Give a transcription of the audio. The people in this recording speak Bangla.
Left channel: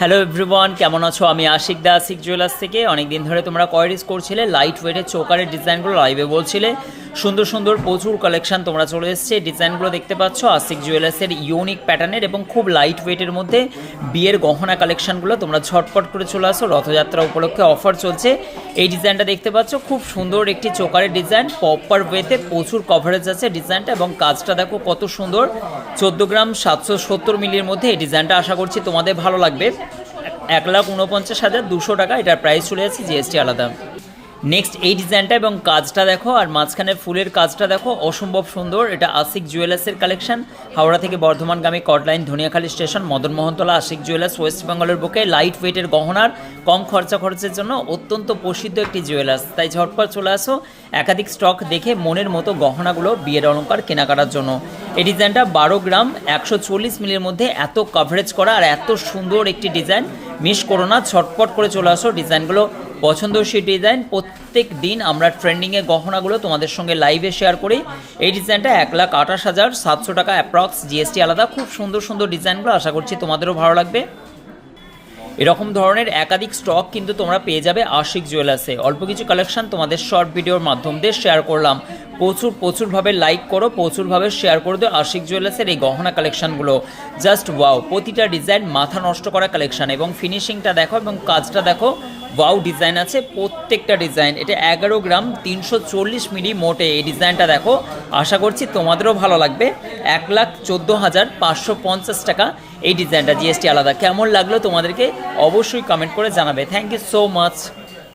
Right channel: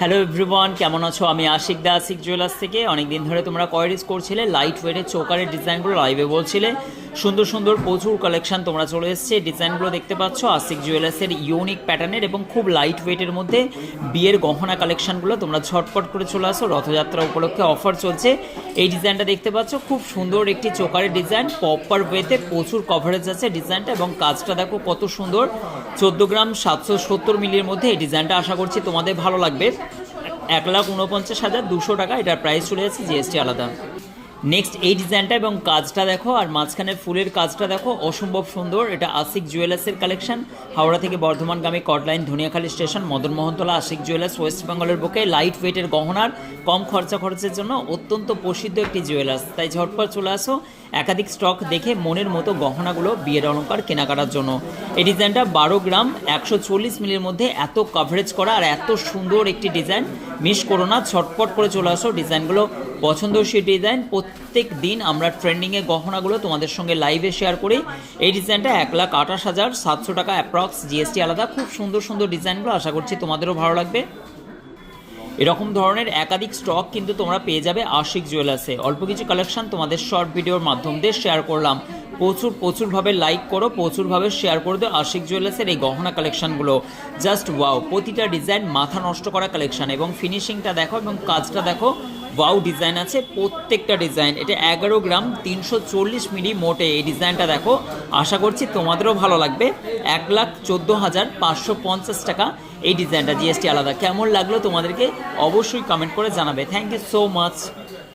হ্যালো এভরিওয়ান, কেমন আছো? আমি আশিক দা, আশিক জুয়েলার্স থেকে। অনেক দিন ধরে তোমরা কোয়ারিজ করছিলে লাইট ওয়েটের চোকারের ডিজাইনগুলো লাইভে বলছিলে। সুন্দর সুন্দর প্রচুর কালেকশন তোমরা চলে এসছে। ডিজাইনগুলো দেখতে পাচ্ছ আশিক জুয়েলার্সের ইউনিক প্যাটার্নের এবং খুব লাইট ওয়েটের মধ্যে বিয়ের গহনা কালেকশনগুলো তোমরা ঝটপট করে চলে আসো। রথযাত্রা উপলক্ষে অফার চলছে। এই ডিজাইনটা দেখতে পাচ্ছ, খুব সুন্দর একটি চোকারের ডিজাইন, প্রপার ওয়েতে প্রচুর কভারেজ আছে ডিজাইনটা, এবং কাজটা দেখো কত সুন্দর। 14 গ্রাম 770 মিলির মধ্যে এই ডিজাইনটা আশা করছি তোমাদের ভালো লাগবে। 1,49,200 টাকা এটার প্রাইস চলে যাচ্ছে, জিএসটি আলাদা। নেক্সট এই ডিজাইনটা এবং কাজটা দেখো, আর মাঝখানে ফুলের কাজটা দেখো, অসম্ভব সুন্দর। এটা আশিক জুয়েলার্সের কালেকশন। হাওড়া থেকে বর্ধমানগামী chord line Dhaniakhali station Madanmohantala Ashik jewellers, west বেঙ্গলের বুকে লাইট ওয়েটের গহনার কম খরচের জন্য অত্যন্ত প্রসিদ্ধ একটি জুয়েলার্স। তাই ঝটপট চলে আসো একাধিক স্টক দেখে মনের মতো গহনাগুলো বিয়ের অলঙ্কার কেনাকাটার জন্য। এই ডিজাইনটা 12 গ্রাম 140 মিলির মধ্যে এত কভারেজ করা আর এত সুন্দর একটি ডিজাইন, মিস করো না, ঝটপট করে চলে আসো। ডিজাইনগুলো পছন্দসই ডিজাইন। প্রত্যেক দিন আমরা ট্রেন্ডিংয়ে গহনাগুলো তোমাদের সঙ্গে লাইভে শেয়ার করি। এই ডিজাইনটা 1,28,700 টাকা অ্যাপ্রক্স, জিএসটি আলাদা। খুব সুন্দর সুন্দর ডিজাইনগুলো, আশা করছি তোমাদেরও ভালো লাগবে। এরকম ধরনের একাধিক স্টক কিন্তু তোমরা পেয়ে যাবে আশিক জুয়েলার্সে। অল্প কিছু কালেকশন তোমাদের শর্ট ভিডিওর মাধ্যম দিয়ে শেয়ার করলাম। প্রচুরভাবে লাইক করো, প্রচুরভাবে শেয়ার করে দিও আশিক জুয়েলার্সের এই গহনা কালেকশনগুলো। জাস্ট ওয়াও, প্রতিটা ডিজাইন মাথা নষ্ট করা কালেকশন, এবং ফিনিশিংটা দেখো এবং কাজটা দেখো, ওয়াও ডিজাইন আছে প্রত্যেকটা ডিজাইন। এটা 11 গ্রাম 340 মিলি মোটে এই ডিজাইনটা দেখো, আশা করছি তোমাদেরও ভালো লাগবে। 1,14,550 টাকা এই ডিজাইনটা, জিএসটি আলাদা। কেমন লাগলো তোমাদেরকে অবশ্যই কমেন্ট করে জানাবে। Thank you so much.